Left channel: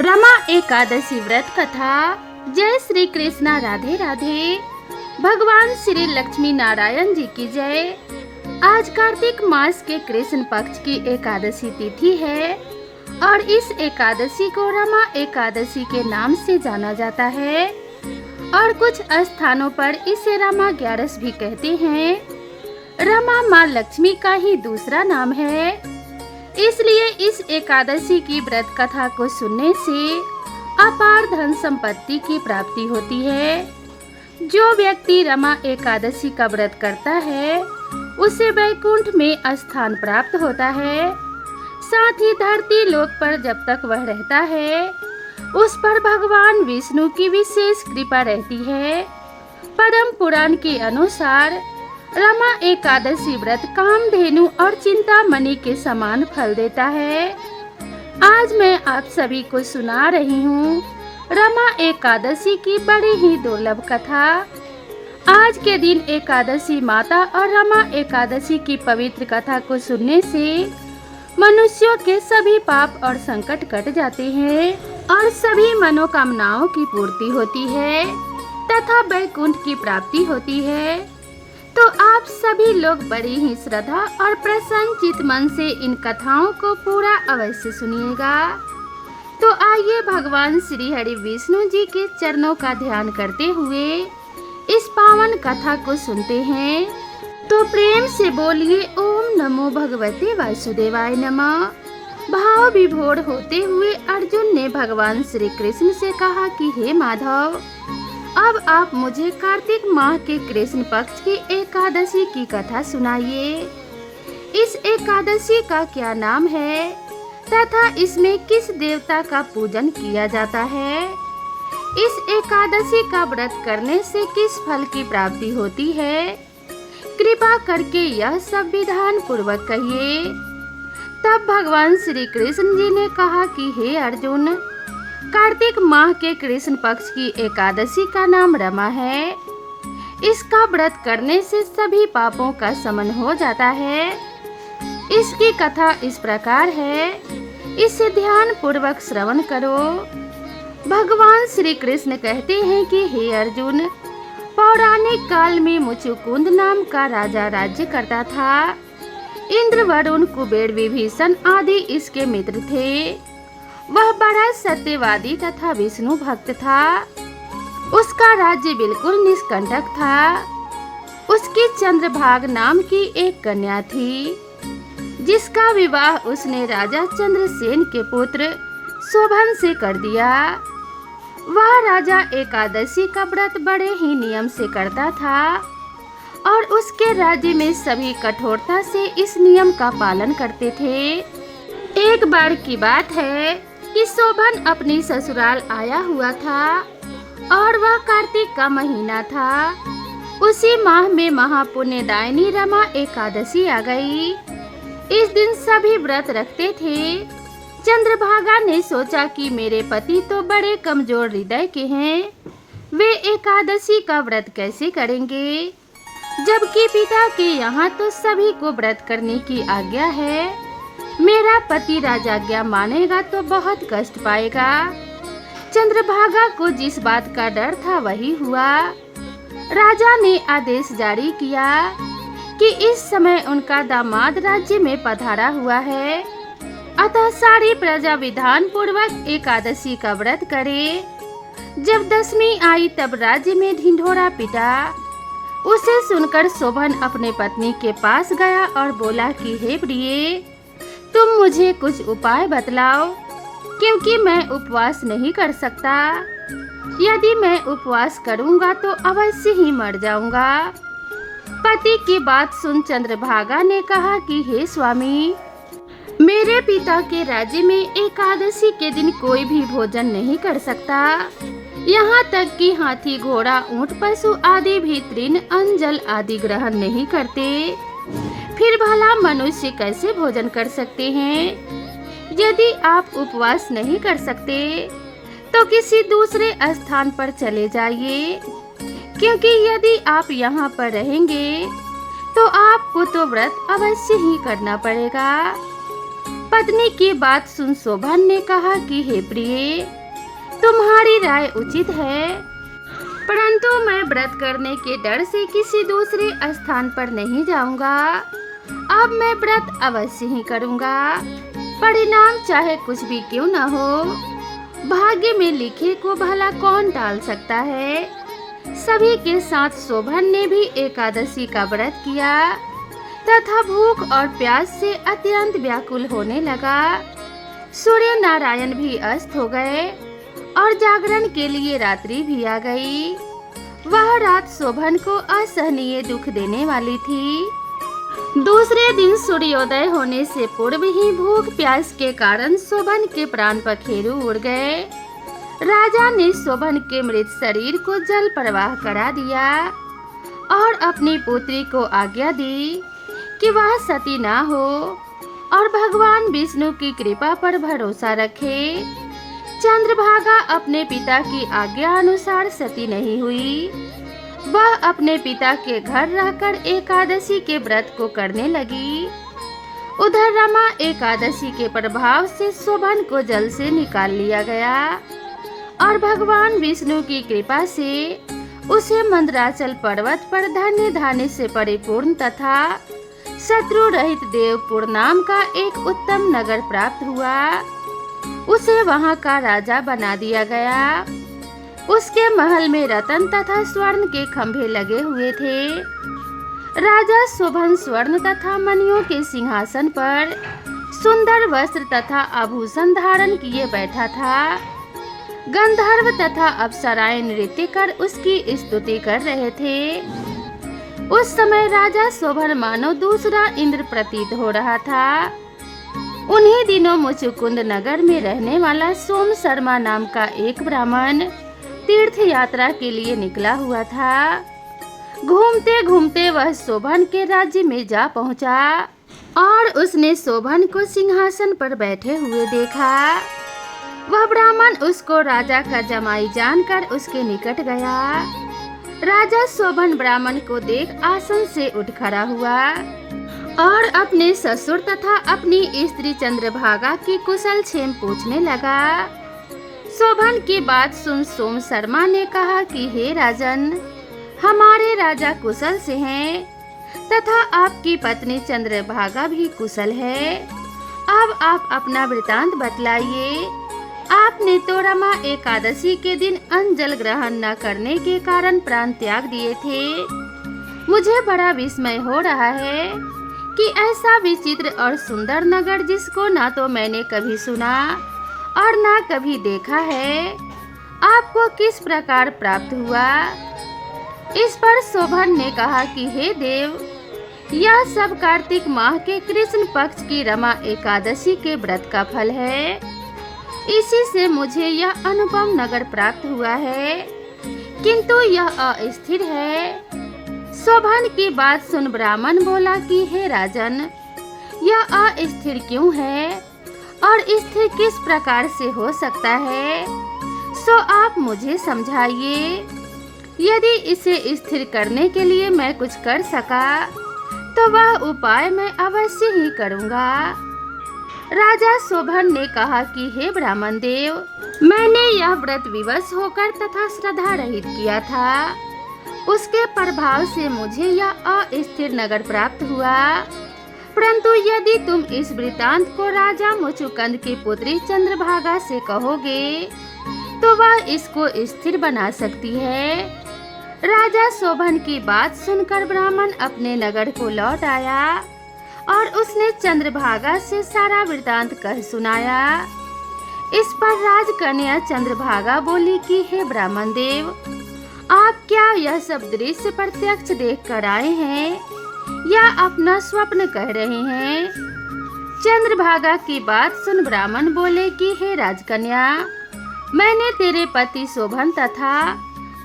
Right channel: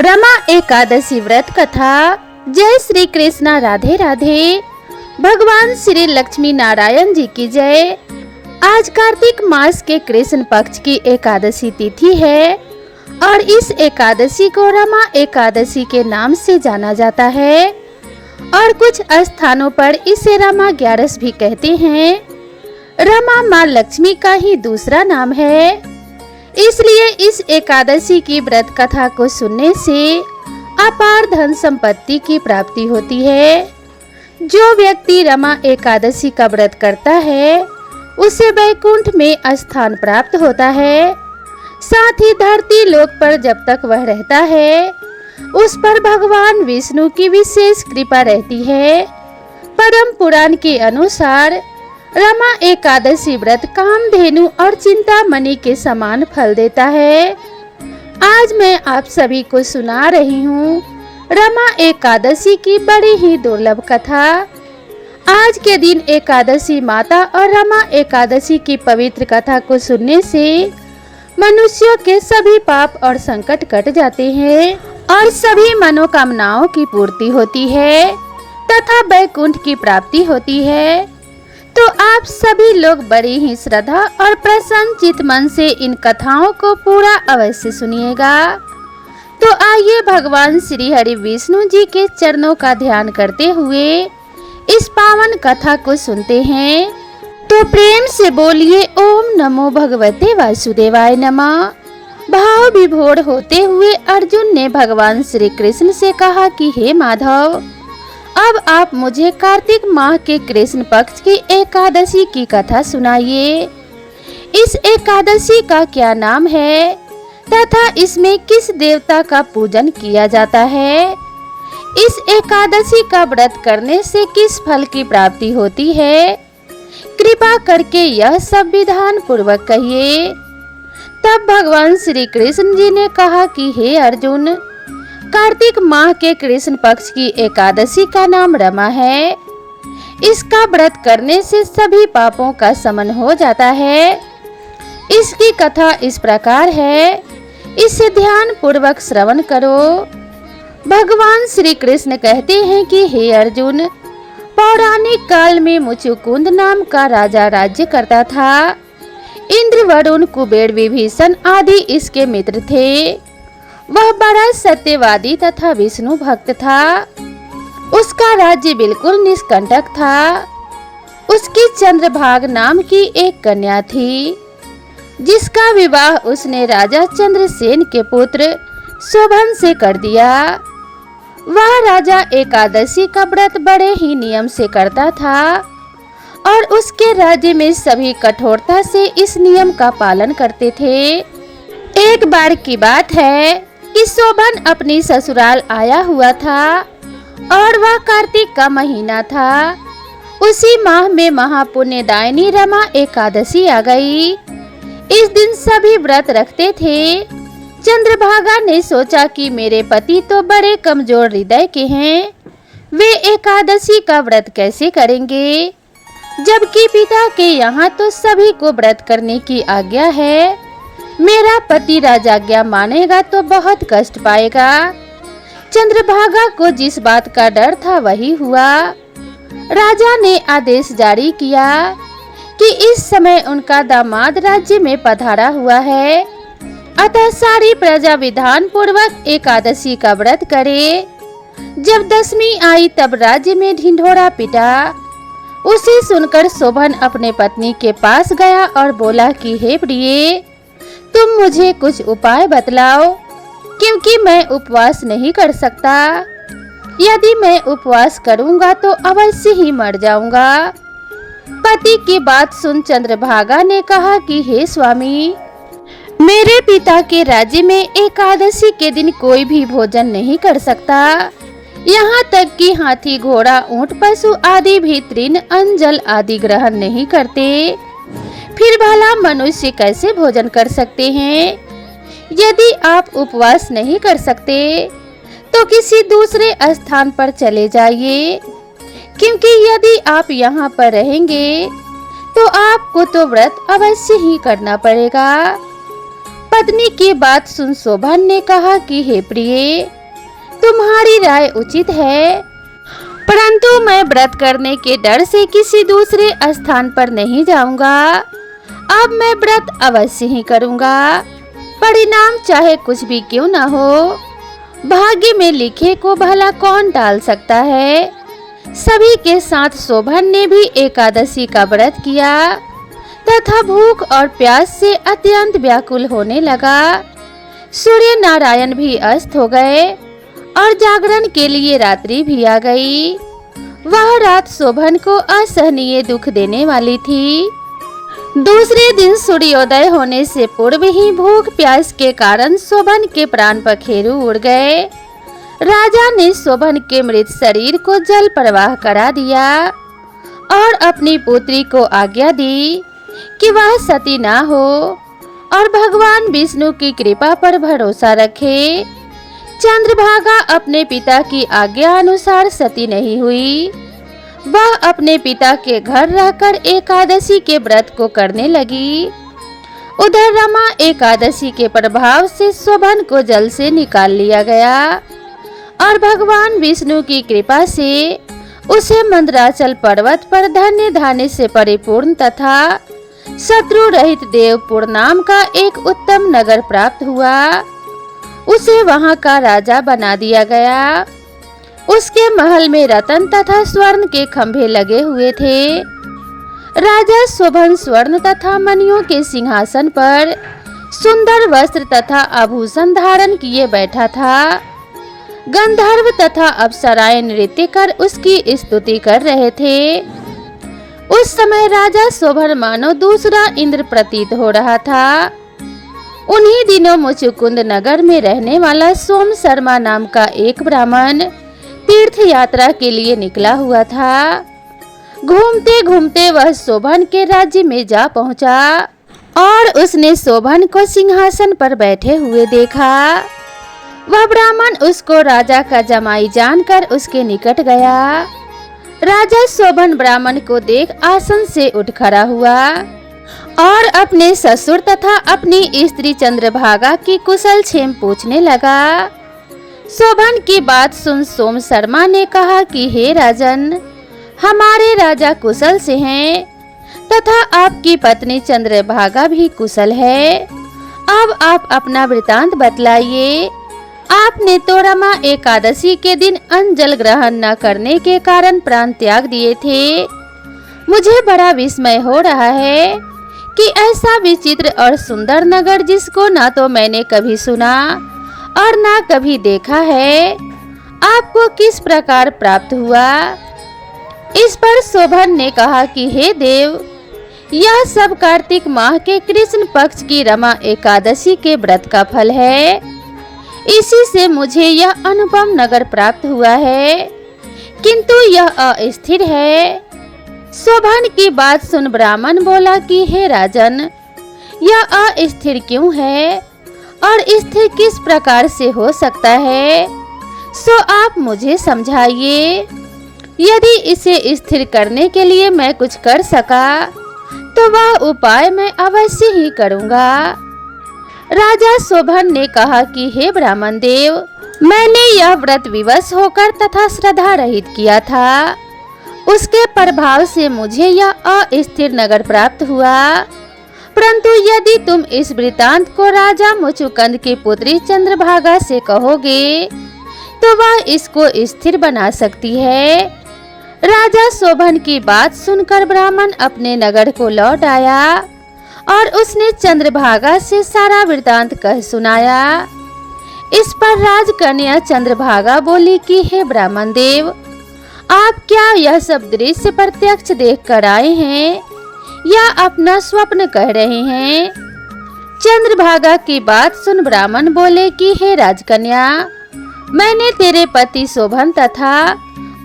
रमा एकादशी व्रत कथा। जय श्री कृष्णा, राधे राधे। भगवान श्री लक्ष्मी नारायण जी की जय। आज कार्तिक मास के कृष्ण पक्ष की एकादशी तिथि है और इस एकादशी को रमा एकादशी के नाम से जाना जाता है और कुछ स्थानों पर इसे रमा ग्यारस भी कहते हैं। रमा माँ लक्ष्मी का ही दूसरा नाम है, इसलिए इस एकादशी की व्रत कथा को सुनने से अपार धन संपत्ति की प्राप्ति होती है। जो व्यक्ति रमा एकादशी का व्रत करता है उसे वैकुंठ में स्थान प्राप्त होता है। साथ ही धरती लोक पर जब तक वह रहता है उस पर भगवान विष्णु की विशेष कृपा रहती है। पद्म पुराण के अनुसार रमा एकादशी व्रत कामधेनु और चिंतामणि के समान फल देता है। आज मैं आप सभी को सुना रही हूँ रमा एकादशी की बड़ी ही दुर्लभ कथा। आज के दिन एकादशी माता और रमा एकादशी की पवित्र कथा को सुनने से मनुष्यों के सभी पाप और संकट कट जाते हैं और सभी मनोकामनाओं की पूर्ति होती है तथा वैकुंठ की प्राप्ति होती है। तो आप सभी लोग बड़ी ही श्रद्धा और प्रसन्न चित मन से इन कथाओं को पूरा अवश्य सुनिएगा। तो आइए भगवान श्री हरि विष्णु जी के चरणों का ध्यान करते हुए इस पावन कथा को सुनते हैं। तो प्रेम से बोलिए ओम नमो भगवते वासुदेवाय नमः। भाव विभोर होते हुए अर्जुन ने भगवान श्री कृष्ण से कहा कि हे माधव, अब आप मुझे कार्तिक माह के कृष्ण पक्ष की एकादशी की कथा सुनाइए। इस एकादशी का क्या नाम है तथा इसमें किस देवता का पूजन किया जाता है? इस एकादशी का व्रत करने से किस फल की प्राप्ति होती है? कृपा करके यह सब विधान पूर्वक कहिए। तब भगवान श्री कृष्ण जी ने कहा कि हे अर्जुन, कार्तिक माह के कृष्ण पक्ष की एकादशी का नाम रमा है। इसका व्रत करने से सभी पापों का शमन हो जाता है। इसकी कथा इस प्रकार है, इसे ध्यान पूर्वक श्रवण करो। भगवान श्री कृष्ण कहते हैं कि हे अर्जुन, पौराणिक काल में मुचुकुंद नाम का राजा राज्य करता था। इंद्र, वरुण, कुबेर, विभीषण आदि इसके मित्र थे। वह बड़ा सत्यवादी तथा विष्णु भक्त था। उसका राज्य बिल्कुल निष्कंटक था। उसकी चंद्रभाग नाम की एक कन्या थी जिसका विवाह उसने राजा चंद्रसेन के पुत्र शोभन से कर दिया। वह राजा एकादशी का व्रत बड़े ही नियम से करता था और उसके राज्य में सभी कठोरता से इस नियम का पालन करते थे। एक बार की बात है कि शोभन अपनी ससुराल आया हुआ था और वह कार्तिक का महीना था। उसी माह में महापुण्यदायिनी रमा एकादशी आ गई। इस दिन सभी व्रत रखते थे। चंद्रभागा ने सोचा कि मेरे पति तो बड़े कमजोर हृदय के हैं, वे एकादशी का व्रत कैसे करेंगे, जबकि पिता के यहाँ तो सभी को व्रत करने की आज्ञा है। मेरा पति राजाज्ञा मानेगा तो बहुत कष्ट पाएगा। चंद्रभागा को जिस बात का डर था वही हुआ। राजा ने आदेश जारी किया कि इस समय उनका दामाद राज्य में पधारा हुआ है, अतः सारी प्रजा विधान पूर्वक एकादशी का व्रत करे। जब दशमी आई तब राज्य में ढिंढोरा पिटा। उसे सुनकर शोभन अपने पत्नी के पास गया और बोला कि हे प्रिय, तुम मुझे कुछ उपाय बतलाओ, क्योंकि मैं उपवास नहीं कर सकता। यदि मैं उपवास करूंगा तो अवश्य ही मर जाऊंगा। पति की बात सुन चंद्रभागा ने कहा कि हे स्वामी, मेरे पिता के राज्य में एकादशी के दिन कोई भी भोजन नहीं कर सकता। यहाँ तक कि हाथी, घोड़ा, ऊंट, पशु आदि भी तृण, अंजल आदि ग्रहण नहीं करते। फिर भला मनुष्य कैसे भोजन कर सकते हैं? यदि आप उपवास नहीं कर सकते तो किसी दूसरे स्थान पर चले जाइए, क्योंकि यदि आप यहाँ पर रहेंगे तो आपको तो व्रत अवश्य ही करना पड़ेगा। पत्नी की बात सुन शोभन ने कहा कि हे प्रिय, तुम्हारी राय उचित है, परंतु मैं व्रत करने के डर से किसी दूसरे स्थान पर नहीं जाऊंगा। अब मैं व्रत अवश्य ही करूंगा, परिणाम चाहे कुछ भी क्यों न हो। भाग्य में लिखे को भला कौन टाल सकता है। सभी के साथ शोभन ने भी एकादशी का व्रत किया तथा भूख और प्यास से अत्यंत व्याकुल होने लगा। सूर्य नारायण भी अस्त हो गए और जागरण के लिए रात्रि भी आ गई। वह रात शोभन को असहनीय दुख देने वाली थी। दूसरे दिन सूर्योदय होने से पूर्व ही भूख प्यास के कारण शोभन के प्राण पखेरु उड़ गए। राजा ने शोभन के मृत शरीर को जल प्रवाह करा दिया और अपनी पुत्री को आज्ञा दी कि वह सती ना हो और भगवान विष्णु की कृपा पर भरोसा रखे। चंद्रभागा अपने पिता की आज्ञा अनुसार सती नहीं हुई। वह अपने पिता के घर रहकर एकादशी के व्रत को करने लगी। उधर रमा एकादशी के प्रभाव से शोभन को जल से निकाल लिया गया और भगवान विष्णु की कृपा से उसे मंदराचल पर्वत पर धन्य धान्य से परिपूर्ण तथा शत्रु रहित देवपुर नाम का एक उत्तम नगर प्राप्त हुआ। उसे वहां का राजा बना दिया गया। उसके महल में रत्न तथा स्वर्ण के खंभे लगे हुए थे। राजा शोभन स्वर्ण तथा मणियों के सिंहासन पर सुंदर वस्त्र तथा आभूषण धारण किए बैठा था। गंधर्व तथा अप्सराएं नृत्य कर उसकी स्तुति कर रहे थे। उस समय राजा शोभन मानो दूसरा इंद्र प्रतीत हो रहा था। उन्हीं दिनों मुचुकुंद नगर में रहने वाला सोम शर्मा नाम का एक ब्राह्मण तीर्थ यात्रा के लिए निकला हुआ था। घूमते घूमते वह शोभन के राज्य में जा पहुंचा और उसने शोभन को सिंहासन पर बैठे हुए देखा। वह ब्राह्मण उसको राजा का जमाई जानकर उसके निकट गया। राजा शोभन ब्राह्मण को देख आसन से उठ खड़ा हुआ और अपने ससुर तथा अपनी स्त्री चंद्रभागा की कुशल क्षेम पूछने लगा। शोभन की बात सुन सोम शर्मा ने कहा कि हे राजन, हमारे राजा कुशल से हैं तथा आपकी पत्नी चंद्रभागा भी कुशल है। अब आप अपना वृतांत बतलाइए। आपने तो रमा एकादशी के दिन अन्न जल ग्रहण न करने के कारण प्राण त्याग दिए थे। मुझे बड़ा विस्मय हो रहा है कि ऐसा विचित्र और सुंदर नगर जिसको ना तो मैंने कभी सुना और ना कभी देखा है, आपको किस प्रकार प्राप्त हुआ। इस पर शोभन ने कहा कि हे देव, यह सब कार्तिक माह के कृष्ण पक्ष की रमा एकादशी के व्रत का फल है। इसी से मुझे यह अनुपम नगर प्राप्त हुआ है, किंतु यह अस्थिर है। शोभन की बात सुन ब्राह्मण बोला कि हे राजन, यह अस्थिर क्यों है और स्थिर किस प्रकार से हो सकता है, सो आप मुझे समझाइए। यदि इसे स्थिर करने के लिए मैं कुछ कर सका तो वह उपाय मैं अवश्य ही करूँगा। राजा शोभन ने कहा कि हे ब्राह्मण देव, मैंने यह व्रत विवश होकर तथा श्रद्धा रहित किया था। उसके प्रभाव से मुझे यह अस्थिर नगर प्राप्त हुआ। परंतु यदि तुम इस वृतांत को राजा मुचुकुंद की पुत्री चंद्रभागा से कहोगे तो वह इसको स्थिर बना सकती है। राजा शोभन की बात सुनकर ब्राह्मण अपने नगर को लौट आया और उसने चंद्रभागा से सारा वृतांत कह सुनाया। इस पर राजकन्या चंद्रभागा बोली कि हे ब्राह्मण देव, आप क्या यह सब दृश्य प्रत्यक्ष देख कर आए हैं या अपना स्वप्न कह रहे हैं। चंद्रभागा की बात सुन ब्राह्मण बोले कि हे राजकन्या, मैंने तेरे पति शोभन तथा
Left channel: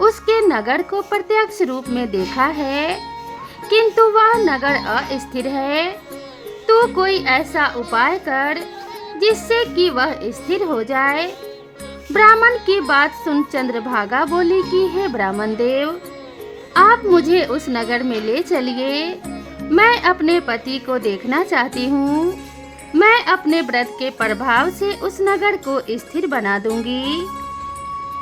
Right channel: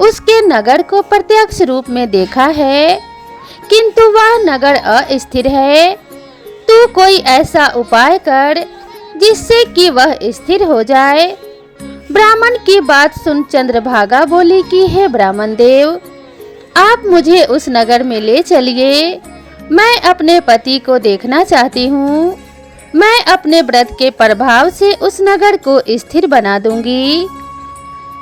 उसके नगर को प्रत्यक्ष रूप में देखा है, किंतु वह नगर अस्थिर है। तू कोई ऐसा उपाय कर जिससे कि वह स्थिर हो जाए। ब्राह्मण की बात सुन चंद्रभागा बोली कि हे ब्राह्मण देव, आप मुझे उस नगर में ले चलिए। मैं अपने पति को देखना चाहती हूँ। मैं अपने व्रत के प्रभाव से उस नगर को स्थिर बना दूंगी।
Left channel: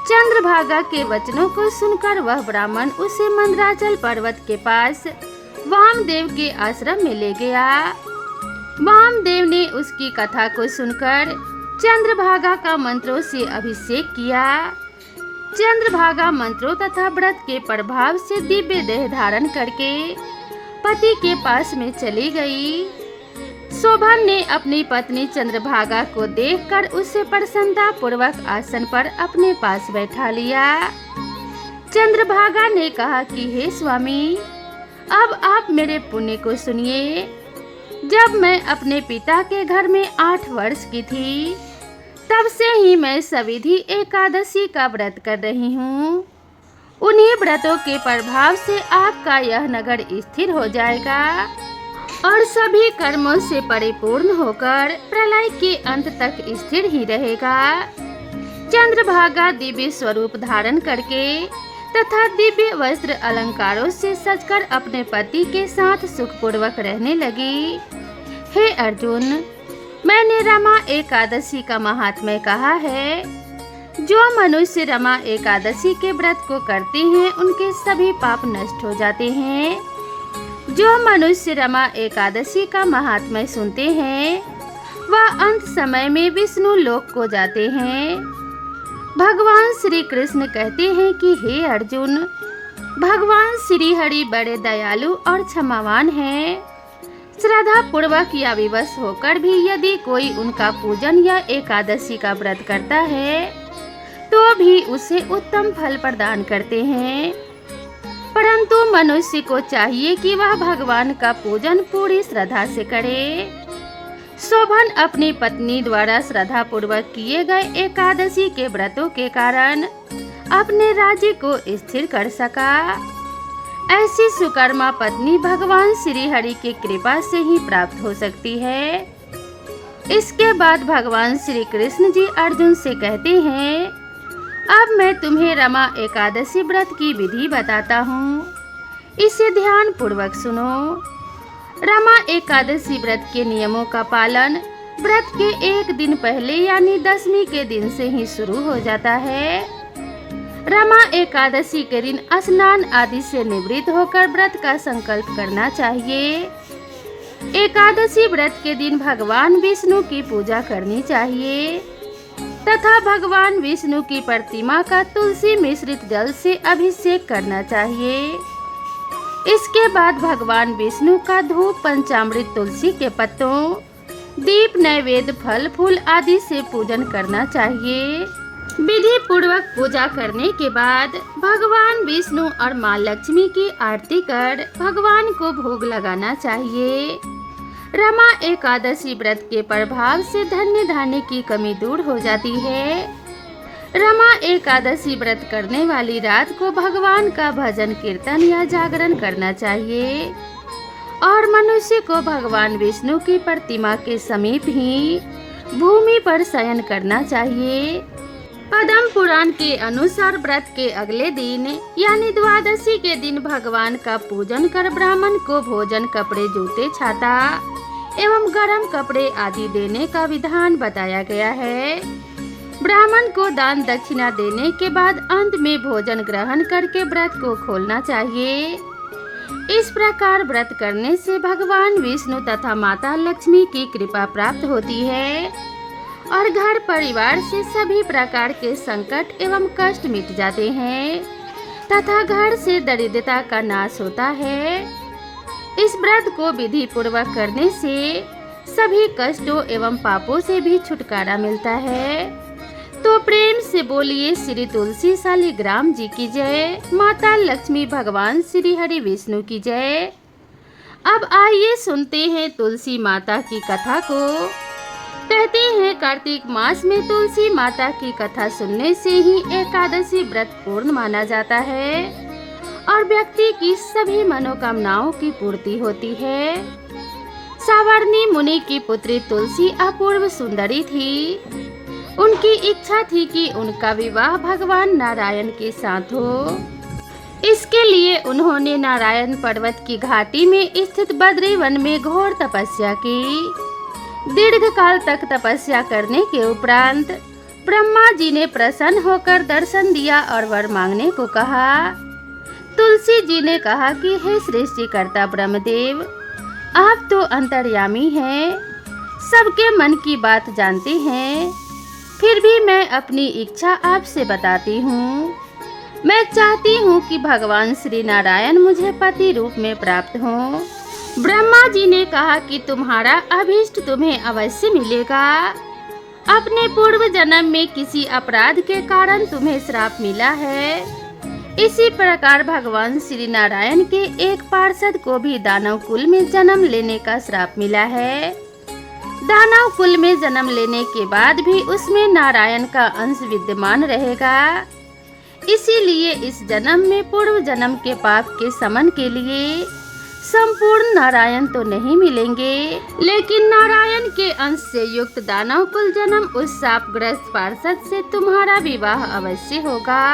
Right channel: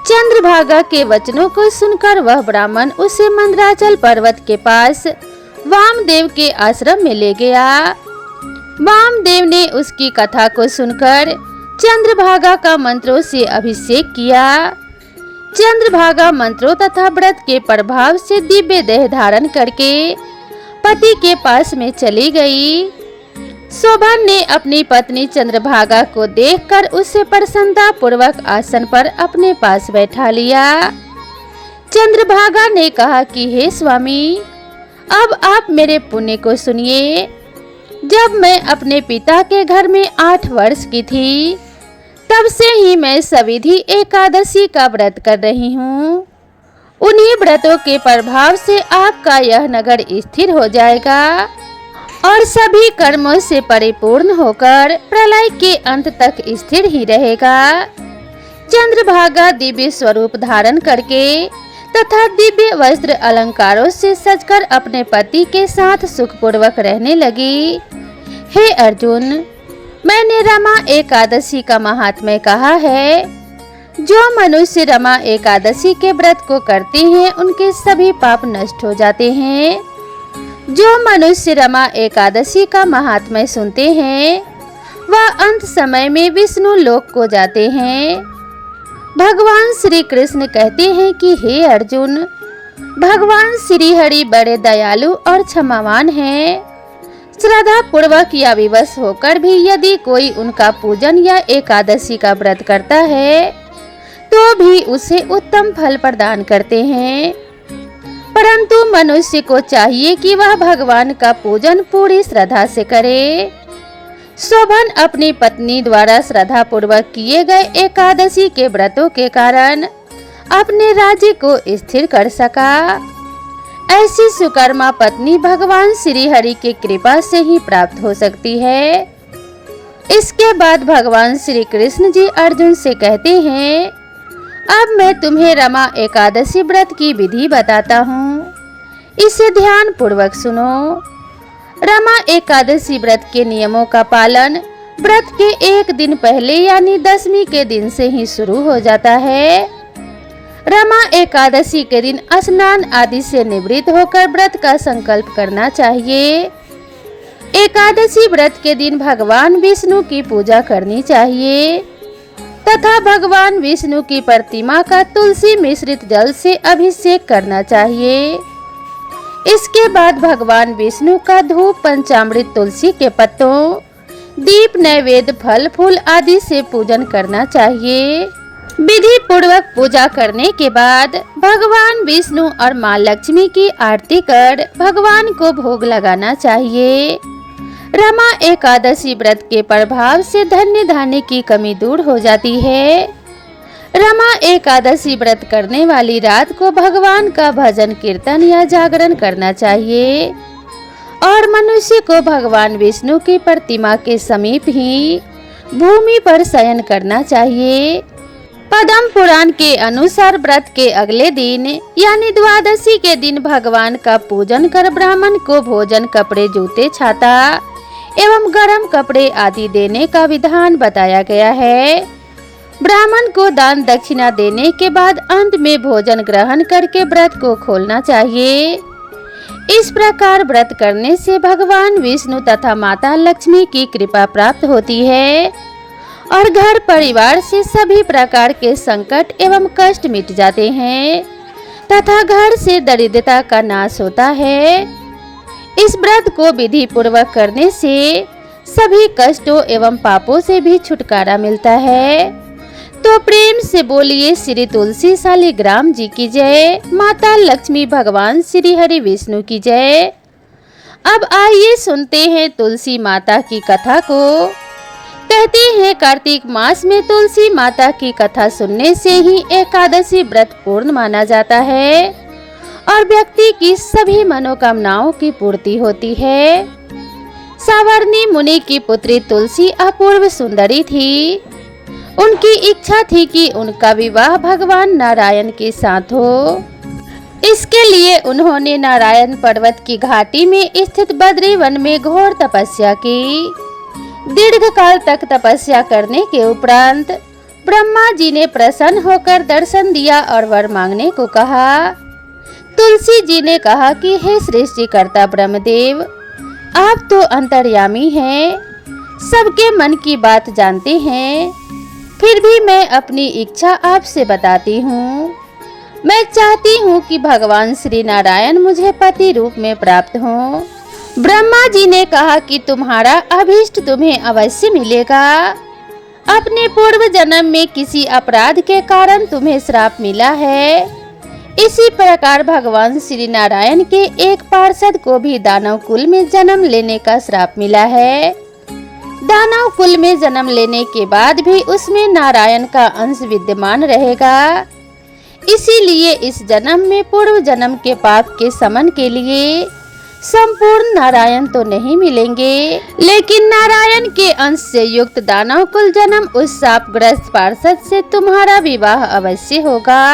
चंद्रभागा के वचनों को सुनकर वह ब्राह्मण उसे मंदराचल पर्वत के पास वामदेव के आश्रम में ले गया। वामदेव ने उसकी कथा को सुनकर चंद्रभागा का मंत्रों से अभिषेक किया। चंद्रभागा मंत्रों तथा व्रत के प्रभाव से दिव्य देह धारण करके पति के पास में चली गई। शोभन ने अपनी पत्नी चंद्रभागा को देखकर उसे प्रसन्नता पूर्वक आसन पर अपने पास बैठा लिया। चंद्रभागा ने कहा कि हे स्वामी, अब आप मेरे पुण्य को सुनिए। जब मैं अपने पिता के घर में 8 वर्ष की थी, तब से ही मैं सविधि एकादशी का व्रत कर रही हूँ। उन्हीं व्रतों के प्रभाव से आपका यह नगर स्थिर हो जाएगा और सभी कर्मों से परिपूर्ण होकर प्रलय के अंत तक स्थिर ही रहेगा। चंद्रभागा दिव्य स्वरूप धारण करके तथा दिव्य वस्त्र अलंकारों से सजकर अपने पति के साथ सुखपूर्वक रहने लगी। हे अर्जुन, मैंने रमा एकादशी का महात्म्य कहा है। जो मनुष्य रमा एकादशी के व्रत को करते हैं, उनके सभी पाप नष्ट हो जाते हैं। जो मनुष्य रमा एकादशी का महात्म्य सुनते हैं, वह अंत समय में विष्णु लोक को जाते हैं। भगवान श्री कृष्ण कहते हैं कि हे अर्जुन, भगवान श्री हरि बड़े दयालु और क्षमावान हैं। श्रद्धा पूर्वक या विवश होकर भी यदि कोई उनका पूजन या एकादशी का व्रत करता है, तो भी उसे उत्तम फल प्रदान करते हैं। परंतु मनुष्य को चाहिए कि वह भगवान का पूजन पूरी श्रद्धा से करे। शोभन अपनी पत्नी द्वारा श्रद्धा पूर्वक किए गए एकादशी के व्रतों के कारण अपने राज्य को स्थिर कर सका। ऐसी सुकर्मा पत्नी भगवान श्री हरि की कृपा से ही प्राप्त हो सकती है। इसके बाद भगवान श्री कृष्ण जी अर्जुन से कहते हैं, अब मैं तुम्हें रमा एकादशी व्रत की विधि बताता हूँ, इसे ध्यान पूर्वक सुनो। रमा एकादशी व्रत के नियमों का पालन व्रत के एक दिन पहले यानी 10वीं के दिन से ही शुरू हो जाता है। रमा एकादशी के दिन स्नान आदि से निवृत्त होकर व्रत का संकल्प करना चाहिए। एकादशी व्रत के दिन भगवान विष्णु की पूजा करनी चाहिए तथा भगवान विष्णु की प्रतिमा का तुलसी मिश्रित जल से अभिषेक करना चाहिए। इसके बाद भगवान विष्णु का धूप पंचामृत तुलसी के पत्तों, दीप, नैवेद्य, फल फूल आदि से पूजन करना चाहिए। विधि पूर्वक पूजा करने के बाद भगवान विष्णु और माँ लक्ष्मी की आरती कर भगवान को भोग लगाना चाहिए। रमा एकादशी व्रत के प्रभाव से धन्य धान्य की कमी दूर हो जाती है। रमा एकादशी व्रत करने वाली रात को भगवान का भजन कीर्तन या जागरण करना चाहिए और मनुष्य को भगवान विष्णु की प्रतिमा के समीप ही भूमि पर शयन करना चाहिए। पद्म पुराण के अनुसार व्रत के अगले दिन यानी द्वादशी के दिन भगवान का पूजन कर ब्राह्मण को भोजन, कपड़े, जूते, छाता एवं गर्म कपड़े आदि देने का विधान बताया गया है। ब्राह्मण को दान दक्षिणा देने के बाद अंत में भोजन ग्रहण करके व्रत को खोलना चाहिए। इस प्रकार व्रत करने से भगवान विष्णु तथा माता लक्ष्मी की कृपा प्राप्त होती है और घर परिवार से सभी प्रकार के संकट एवं कष्ट मिट जाते हैं तथा घर से दरिद्रता का नाश होता है। इस व्रत को विधि पूर्वक करने से सभी कष्टों एवं पापों से भी छुटकारा मिलता है। तो प्रेम से बोलिए श्री तुलसी शालिग्राम जी की जय, माता लक्ष्मी, भगवान श्री हरि विष्णु की जय। अब आइए सुनते हैं तुलसी माता की कथा को। कहते हैं कार्तिक मास में तुलसी माता की कथा सुनने से ही एकादशी व्रत पूर्ण माना जाता है और व्यक्ति की सभी मनोकामनाओं की पूर्ति होती है। सावर्णी मुनि की पुत्री तुलसी अपूर्व सुंदरी थी। उनकी इच्छा थी कि उनका विवाह भगवान नारायण के साथ हो। इसके लिए उन्होंने नारायण पर्वत की घाटी में स्थित बद्री वन में घोर तपस्या की। दीर्घकाल तक तपस्या करने के उपरांत ब्रह्मा जी ने प्रसन्न होकर दर्शन दिया और वर मांगने को कहा। तुलसी जी ने कहा कि हे सृष्टिकर्ता ब्रह्मदेव, आप तो अंतर्यामी हैं, सबके मन की बात जानते हैं, फिर भी मैं अपनी इच्छा आपसे बताती हूँ। मैं चाहती हूँ कि भगवान श्री नारायण मुझे पति रूप में प्राप्त हों। ब्रह्मा जी ने कहा कि तुम्हारा अभीष्ट तुम्हें अवश्य मिलेगा। अपने पूर्व जन्म में किसी अपराध के कारण तुम्हें श्राप मिला है। इसी प्रकार भगवान श्री नारायण के एक पार्षद को भी दानव कुल में जन्म लेने का श्राप मिला है। दानव कुल में जन्म लेने के बाद भी उसमें नारायण का अंश विद्यमान रहेगा। इसीलिए इस जन्म में पूर्व जन्म के पाप के समन के लिए संपूर्ण नारायण तो नहीं मिलेंगे, लेकिन नारायण के अंश से युक्त दानव कुल जन्म उस शापग्रस्त पार्षद से तुम्हारा विवाह अवश्य होगा।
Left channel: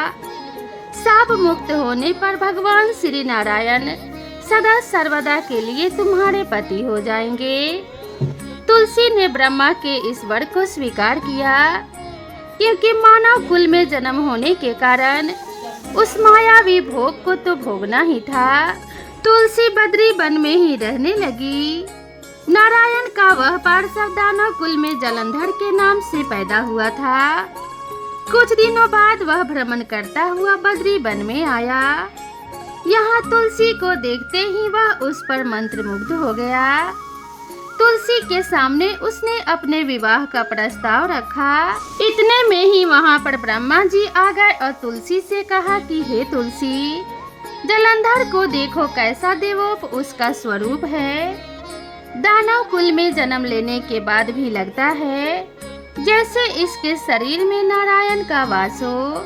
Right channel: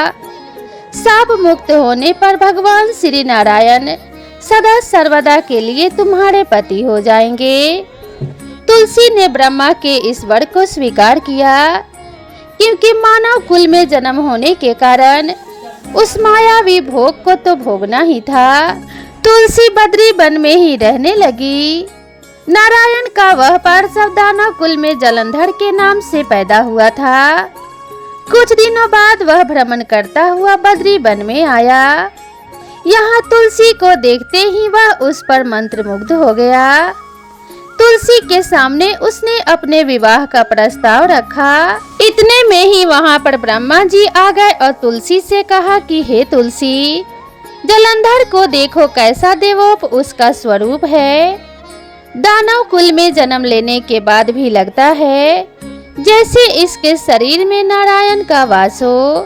शाप मुक्त होने पर भगवान श्री नारायण सदा सर्वदा के लिए तुम्हारे पति हो जाएंगे। तुलसी ने ब्रह्मा के इस वर को स्वीकार किया, क्योंकि मानव कुल में जन्म होने के कारण उस मायावी भोग को तो भोगना ही था। तुलसी बद्री वन में ही रहने लगी। नारायण का वह पार्षद दानव कुल में जलंधर के नाम से पैदा हुआ था। कुछ दिनों बाद वह भ्रमण करता हुआ बद्री वन में आया। यहाँ तुलसी को देखते ही वह उस पर मंत्रमुग्ध हो गया। तुलसी के सामने उसने अपने विवाह का प्रस्ताव रखा। इतने में ही वहाँ पर ब्रह्मा जी आ गए और तुलसी से कहा कि हे तुलसी, जलंधर को देखो, कैसा देवोप उसका स्वरूप है। दानव कुल में जन्म लेने के बाद भी लगता है जैसे इसके शरीर में नारायण का वास हो।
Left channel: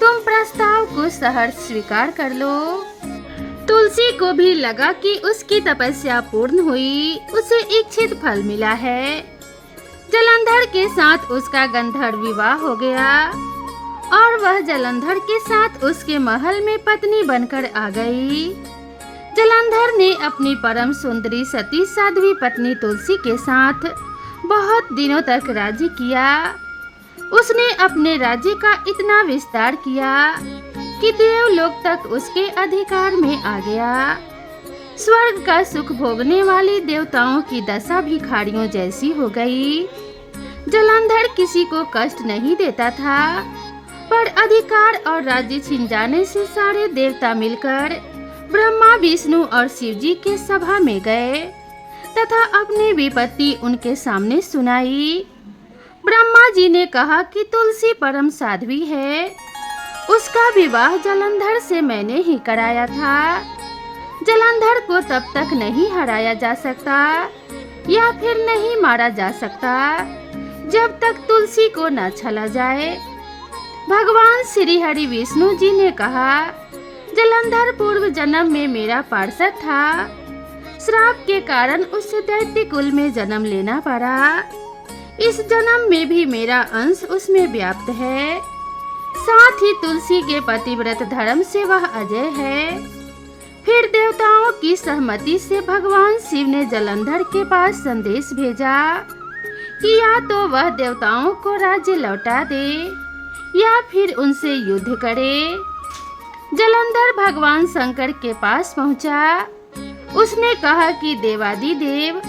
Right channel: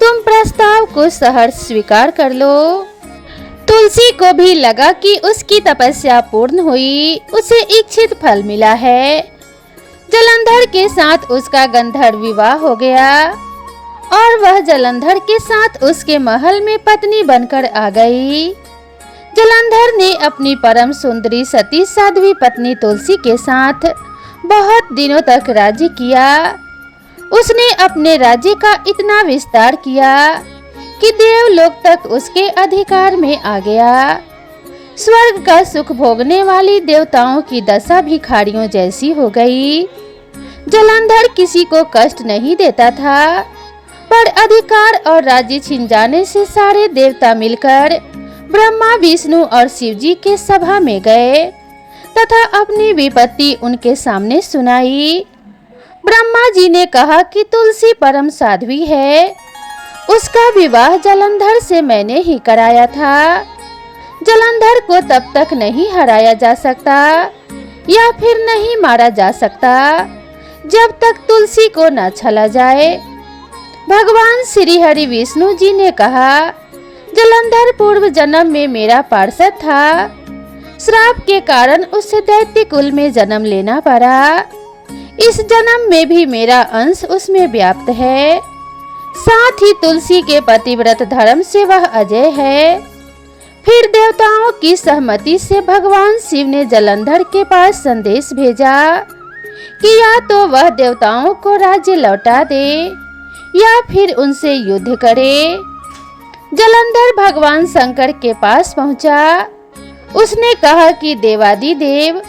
तुम प्रस्ताव को सहर्ष स्वीकार कर लो। तुलसी को भी लगा कि उसकी तपस्या पूर्ण हुई, उसे इच्छित फल मिला है। जलंधर के साथ उसका गंधर्व विवाह हो गया और वह जलंधर के साथ उसके महल में पत्नी बनकर आ गई। जलंधर ने अपनी परम सुंदरी सती साध्वी पत्नी तुलसी के साथ बहुत दिनों तक राज्य किया। उसने अपने राज्य का इतना विस्तार किया कि देवलोक तक उसके अधिकार में आ गया। स्वर्ग का सुख भोगने वाली देवताओं की दशा भिखारियों जैसी हो गई। जलंधर किसी को कष्ट नहीं देता था, पर अधिकार और राज्य छिन जाने से सारे देवता मिलकर ब्रह्मा, विष्णु और शिव जी के सभा में गए तथा अपनी विपत्ति उनके सामने सुनाई। ब्रह्मा जी ने कहा कि तुलसी परम साध्वी है, उसका विवाह जलंधर से मैंने ही कराया था। जलंधर को तब तक नहीं हराया जा सकता या फिर नहीं मारा जा सकता जब तक तुलसी को न छला जाए। भगवान श्री हरि विष्णु जी ने कहा, जलंधर पूर्व जन्म में मेरा पार्षद था। श्राप के कारण उसे दैत्य कुल में जन्म लेना पड़ा। इस जन्म में भी मेरा अंश उसमें व्याप्त है। साथ ही तुलसी के पतिव्रत धर्म से वह अजय है। फिर देवताओं की सहमति से भगवान शिव ने जलंधर के पास संदेश भेजा कि या तो वह देवताओं को राज्य लौटा दे या फिर उनसे युद्ध करे। जलंधर भगवान शंकर के पास पहुंचा। उसने कहा कि देवादिदेव,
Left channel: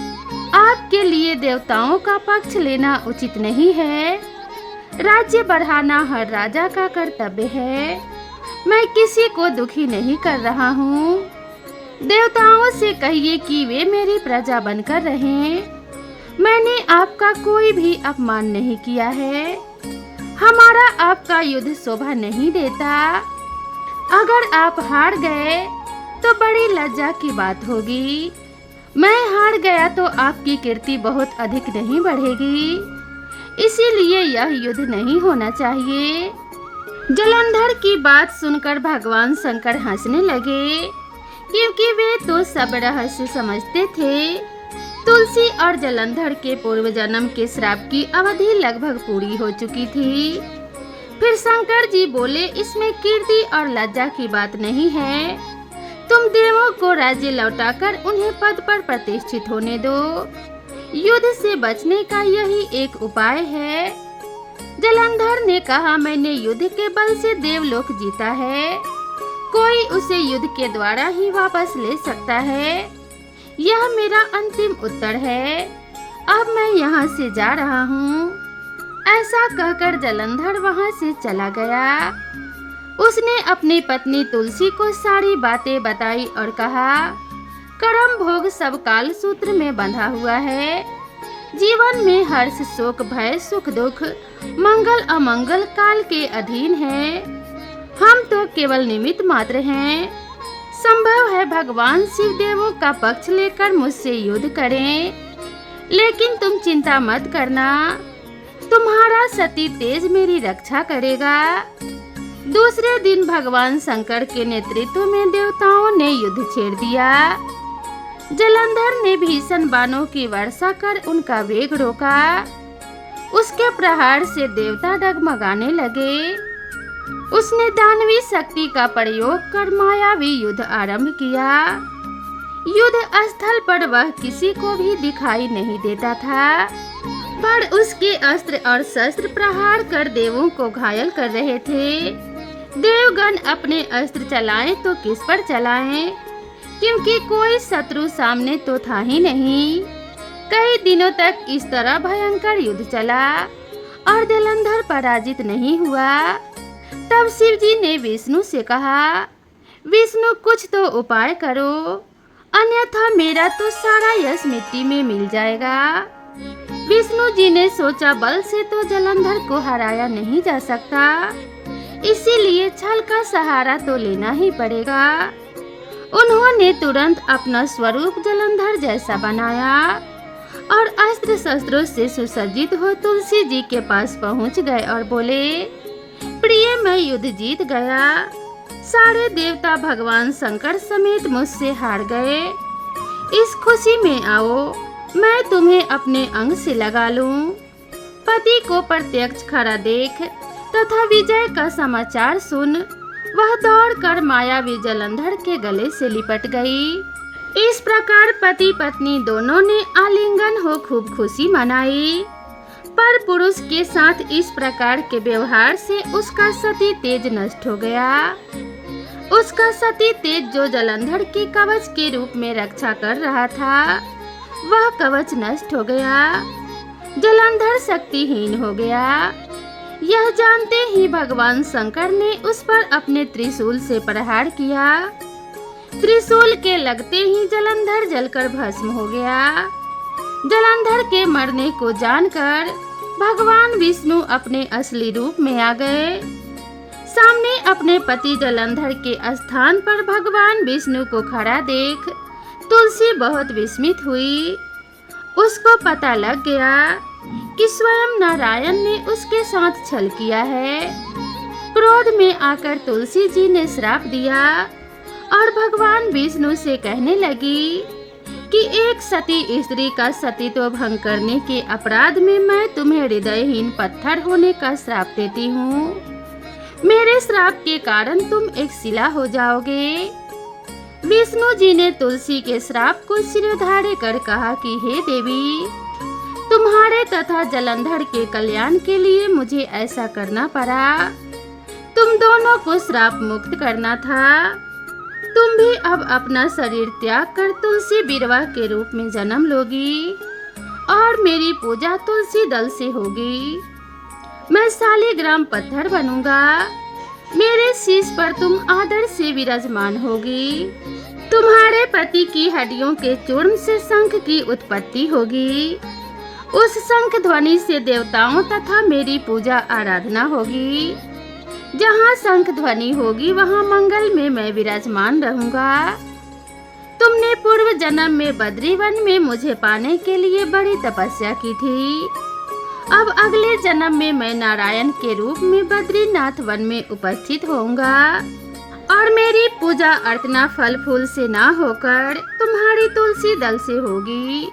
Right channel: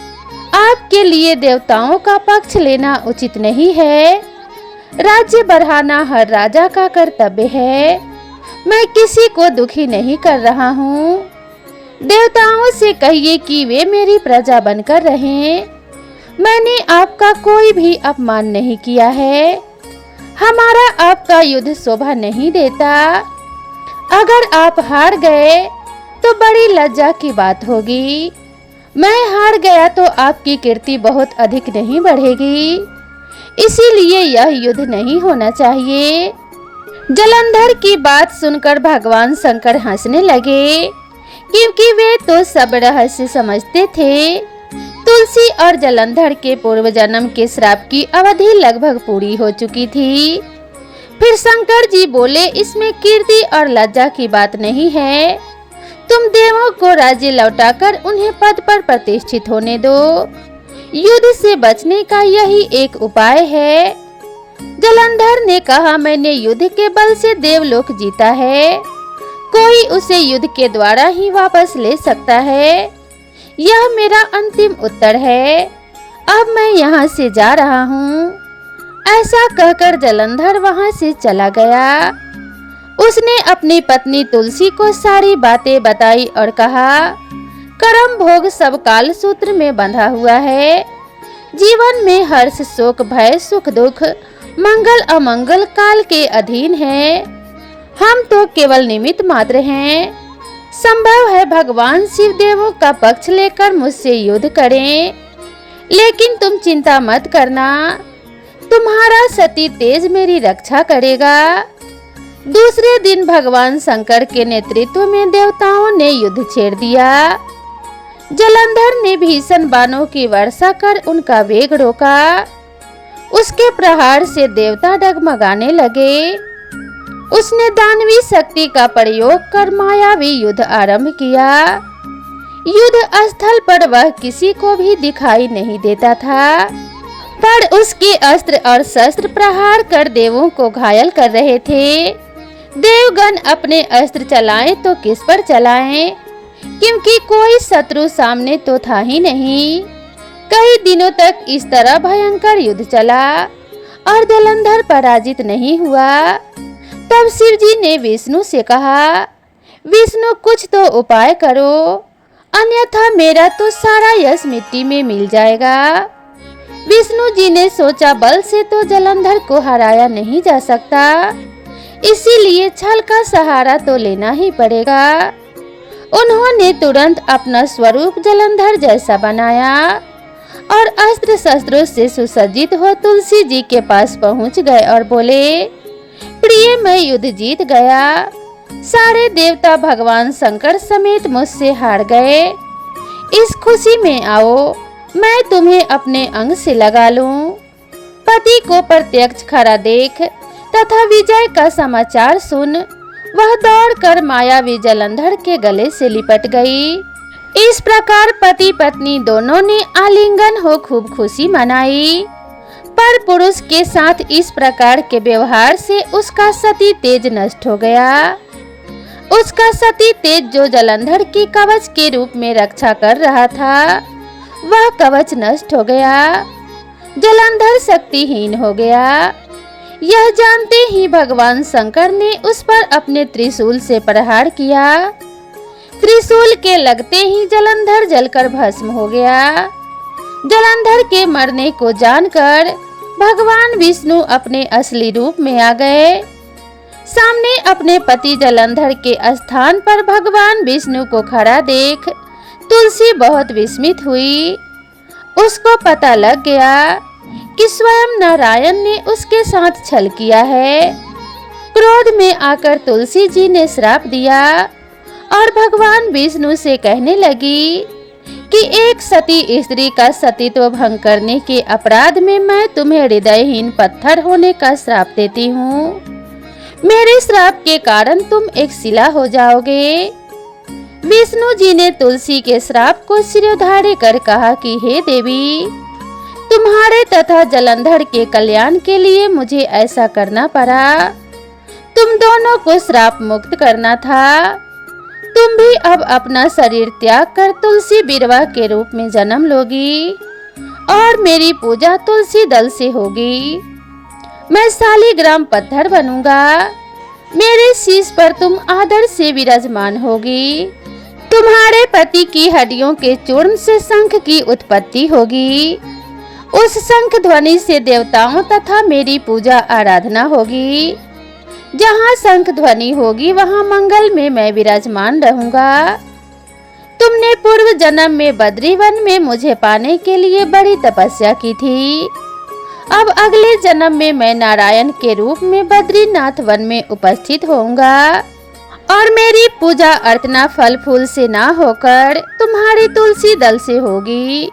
आपके लिए देवताओं का पक्ष लेना उचित नहीं है। राज्य बढ़ाना हर राजा का कर्तव्य है। मैं किसी को दुखी नहीं कर रहा हूँ। देवताओं से कहिए कि वे मेरी प्रजा बनकर रहें। मैंने आपका कोई भी अपमान नहीं किया है। हमारा आपका युद्ध शोभा नहीं देता। अगर आप हार गए तो बड़ी लज्जा की बात होगी। मैं हार गया तो आपकी कीर्ति बहुत अधिक नहीं बढ़ेगी। इसीलिए यह युद्ध नहीं होना चाहिए। जलंधर की बात सुनकर भगवान शंकर हंसने लगे, क्योंकि वे तो सब रहस्य समझते थे। तुलसी और जलंधर के पूर्व जन्म के श्राप की अवधि लगभग पूरी हो चुकी थी। फिर शंकर जी बोले, इसमें कीर्ति और लज्जा की बात नहीं है। तुम देवों को राज्य लौटाकर उन्हें पद पर प्रतिष्ठित होने दो। युद्ध से बचने का यही एक उपाय है। जलंधर ने कहा, मैंने युद्ध के बल से देवलोक जीता है, कोई उसे युद्ध के द्वारा ही वापस ले सकता है। यह मेरा अंतिम उत्तर है, अब मैं यहाँ से जा रहा हूँ। ऐसा कहकर जलंधर वहाँ से चला गया। उसने अपनी पत्नी तुलसी को सारी बातें बताई और कहा, कर्म भोग सब काल सूत्र में बंधा हुआ है। जीवन में हर्ष शोक भय सुख दुख मंगल अमंगल काल के अधीन है। हम तो केवल निमित्त मात्र हैं। संभव है भगवान शिव देवों का पक्ष लेकर मुझसे युद्ध करें, लेकिन तुम चिंता मत करना, तुम्हारा सती तेज मेरी रक्षा करेगा। दूसरे दिन भगवान शंकर के नेतृत्व में देवताओं ने युद्ध छेड़ दिया। जलंधर ने भीषण बाणों की वर्षा कर उनका वेग रोका। उसके प्रहार से देवता डगमगाने लगे। उसने दानवी शक्ति का प्रयोग कर मायावी युद्ध आरंभ किया। युद्ध स्थल पर वह किसी को भी दिखाई नहीं देता था, पर उसके अस्त्र और शस्त्र प्रहार कर देवों को घायल कर रहे थे। देवगण अपने अस्त्र चलाएं तो किस पर चलाएं, क्योंकि कोई शत्रु सामने तो था ही नहीं। कई दिनों तक इस तरह भयंकर युद्ध चला और जलंधर पराजित नहीं हुआ। तब शिव जी ने विष्णु से कहा, विष्णु कुछ तो उपाय करो, अन्यथा मेरा तो सारा यश मिट्टी में मिल जाएगा। विष्णु जी ने सोचा, बल से तो जलंधर को हराया नहीं जा सकता, इसीलिए छल का सहारा तो लेना ही पड़ेगा। उन्होंने तुरंत अपना स्वरूप जलंधर जैसा बनाया और अस्त्र शस्त्रों से सुसज्जित हो तुलसी जी के पास पहुंच गए और बोले, प्रिय मैं युद्ध जीत गया। सारे देवता भगवान शंकर समेत मुझसे हार गए। इस खुशी में आओ, मैं तुम्हें अपने अंग से लगा लूं। पति को प्रत्यक्ष खड़ा देख तथा विजय का समाचार सुन वह दौड़कर मायावी जलंधर के गले से लिपट गई। इस प्रकार पति पत्नी दोनों ने आलिंगन हो खूब खुशी मनाई। पर पुरुष के साथ इस प्रकार के व्यवहार से उसका सती तेज नष्ट हो गया। उसका सती तेज जो जलंधर की कवच के रूप में रक्षा कर रहा था, वह कवच नष्ट हो गया। जलंधर शक्तिहीन हो गया। यह जानते ही भगवान शंकर ने उस पर अपने त्रिशूल से प्रहार किया। त्रिशूल के लगते ही जलंधर जलकर भस्म हो गया। जलंधर के मरने को जानकर भगवान विष्णु अपने असली रूप में आ गए। सामने अपने पति जलंधर के स्थान पर भगवान विष्णु को खड़ा देख तुलसी बहुत विस्मित हुई। उसको पता लग गया कि स्वयं नारायण ने उसके साथ छल किया है। क्रोध में आकर तुलसी जी ने श्राप दिया और भगवान विष्णु से कहने लगी कि एक सती स्त्री का सतीत्व भंग करने के अपराध में मैं तुम्हें हृदयहीन पत्थर होने का श्राप देती हूँ। मेरे श्राप के कारण तुम एक शिला हो जाओगे। विष्णु जी ने तुलसी के श्राप को सिरोधार्य कर कहा कि हे देवी, तुम्हारे तथा जलंधर के कल्याण के लिए मुझे ऐसा करना पड़ा। तुम दोनों को श्राप मुक्त करना था। तुम भी अब अपना शरीर त्याग कर तुलसी बिरवा के रूप में जन्म लोगी और मेरी पूजा तुलसी दल से होगी। मैं शालिग्राम पत्थर बनूंगा। मेरे शीश पर तुम आदर से विराजमान होगी। तुम्हारे पति की हड्डियों के चूर्ण से शंख की उत्पत्ति होगी। उस शंख ध्वनि से देवताओं तथा मेरी पूजा आराधना होगी। जहाँ शंख ध्वनि होगी वहाँ मंगल में मैं विराजमान रहूंगा। तुमने पूर्व जन्म में बद्रीवन में मुझे पाने के लिए बड़ी तपस्या की थी। अब अगले जन्म में मैं नारायण के रूप में बद्रीनाथ वन में उपस्थित होऊंगा और मेरी पूजा अर्चना फल फूल से ना होकर तुम्हारी तुलसी दल से होगी।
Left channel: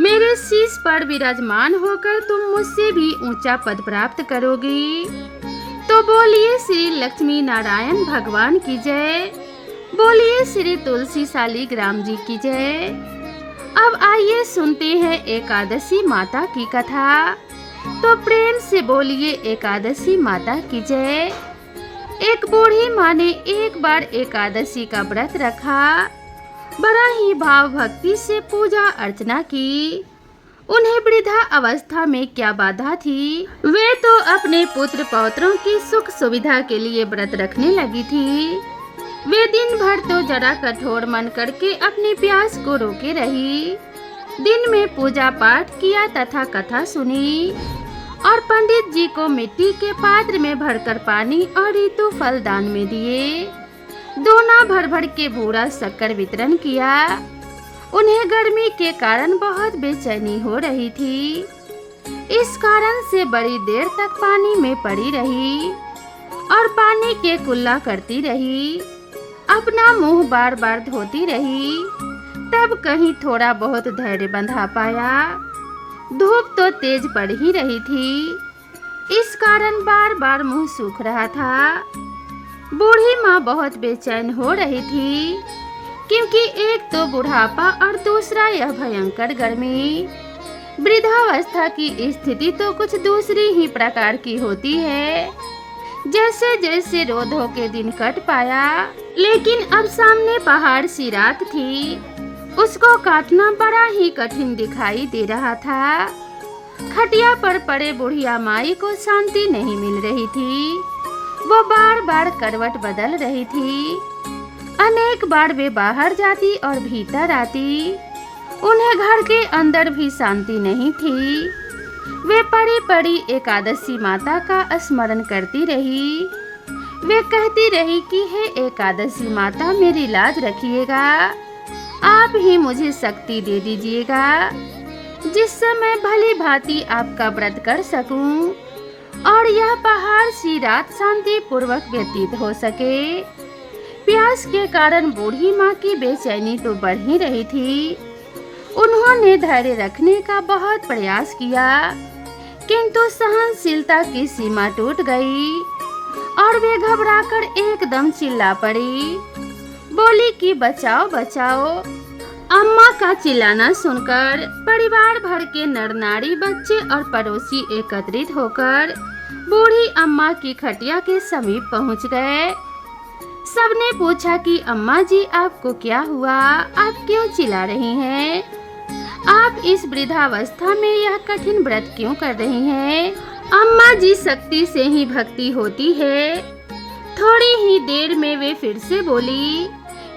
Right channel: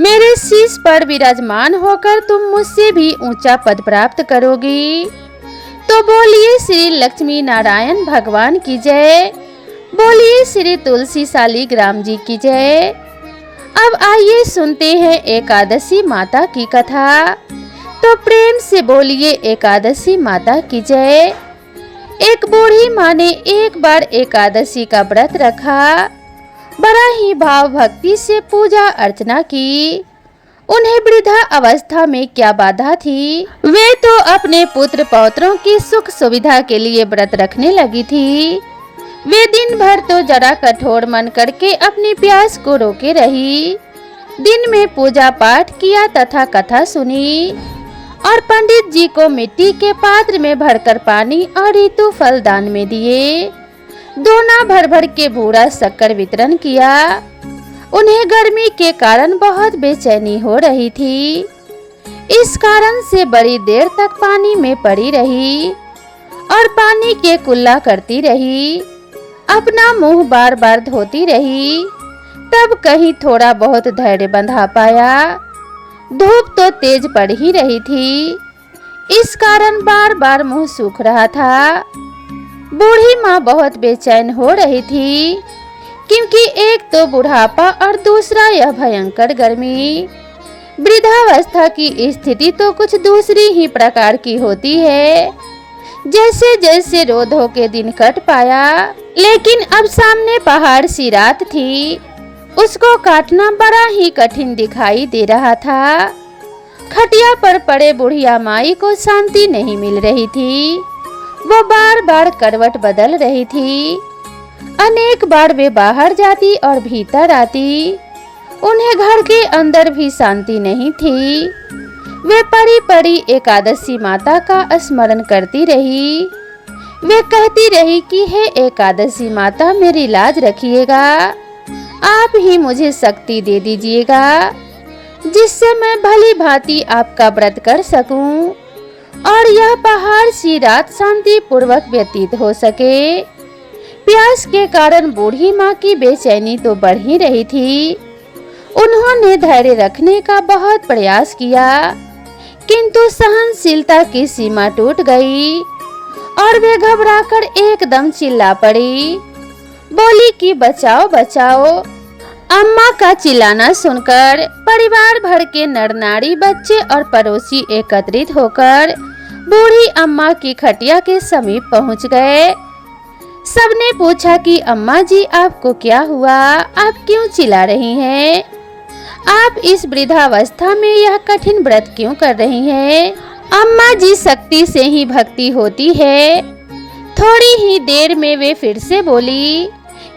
मेरे शीश पर विराजमान होकर तुम मुझसे भी ऊंचा पद प्राप्त करोगी। तो बोलिए श्री लक्ष्मी नारायण भगवान की जय। बोलिए श्री तुलसी शालिग्राम जी की जय। अब आइए सुनते हैं एकादशी माता की कथा। तो प्रेम से बोलिए एकादशी माता की जय। एक बूढ़ी माँ ने एक बार एकादशी का व्रत रखा। बड़ा ही भाव भक्ति से पूजा अर्चना की। उन्हें वृद्धा अवस्था में क्या बाधा थी, वे तो अपने पुत्र पौत्रों की सुख सुविधा के लिए व्रत रखने लगी थी। वे दिन भर तो जरा कठोर मन करके अपनी प्यास को रोके रही। दिन में पूजा पाठ किया तथा कथा सुनी और पंडित जी को मिट्टी के पात्र में भरकर पानी और ऋतु फल दान में दिए। दोना भर भर के बूढ़ा शक्कर वितरण किया। उन्हें गर्मी के कारण बहुत बेचैनी हो रही थी। इस कारण से बड़ी देर तक पानी में पड़ी रही और पानी के कुल्ला करती रही। अपना मुंह बार बार धोती रही। तब कहीं थोड़ा बहुत धैर्य बंधा पाया। धूप तो तेज पड़ ही रही थी, इस कारण बार बार मुंह सूख रहा था। बूढ़ी माँ बहुत बेचैन हो रही थी, क्योंकि एक तो बुढ़ापा और दूसरा यह भयंकर गर्मी। वृद्धावस्था की स्थिति तो कुछ दूसरी ही प्रकार की होती है। जैसे जैसे रोधों के दिन कट पाया, लेकिन अब सामने पहाड़ सी रात थी। उसको काटना बड़ा ही कठिन दिखाई दे रहा था। खटिया पर पड़े बुढ़िया माई को शांति नहीं मिल रही थी। वो बार बार करवट बदल रही थी। अनेक बार वे बाहर जाती और भीतर आती। उन्हें घर के अंदर भी शांति नहीं थी। वे पड़ी पड़ी एकादशी माता का स्मरण करती रही। वे कहती रही कि हे एकादशी माता, मेरी लाज रखिएगा। आप ही मुझे शक्ति दे दीजिएगा, जिससे मैं भली भांति आपका व्रत कर सकूं और यह पहाड़ सी रात शांति पूर्वक व्यतीत हो सके। प्यास के कारण बूढ़ी माँ की बेचैनी तो बढ़ ही रही थी। उन्होंने धैर्य रखने का बहुत प्रयास किया, किंतु सहनशीलता की सीमा टूट गई और वे घबराकर एकदम चिल्ला पड़ी। बोली कि बचाओ बचाओ। अम्मा का चिल्लाना सुनकर परिवार भर के नर नारी, बच्चे और पड़ोसी एकत्रित होकर बूढ़ी अम्मा की खटिया के समीप पहुंच गए। सबने पूछा कि अम्मा जी, आपको क्या हुआ? आप क्यों चिल्ला रही हैं? आप इस वृद्धावस्था में यह कठिन व्रत क्यों कर रही हैं? अम्मा जी, शक्ति से ही भक्ति होती है। थोड़ी ही देर में वे फिर से बोली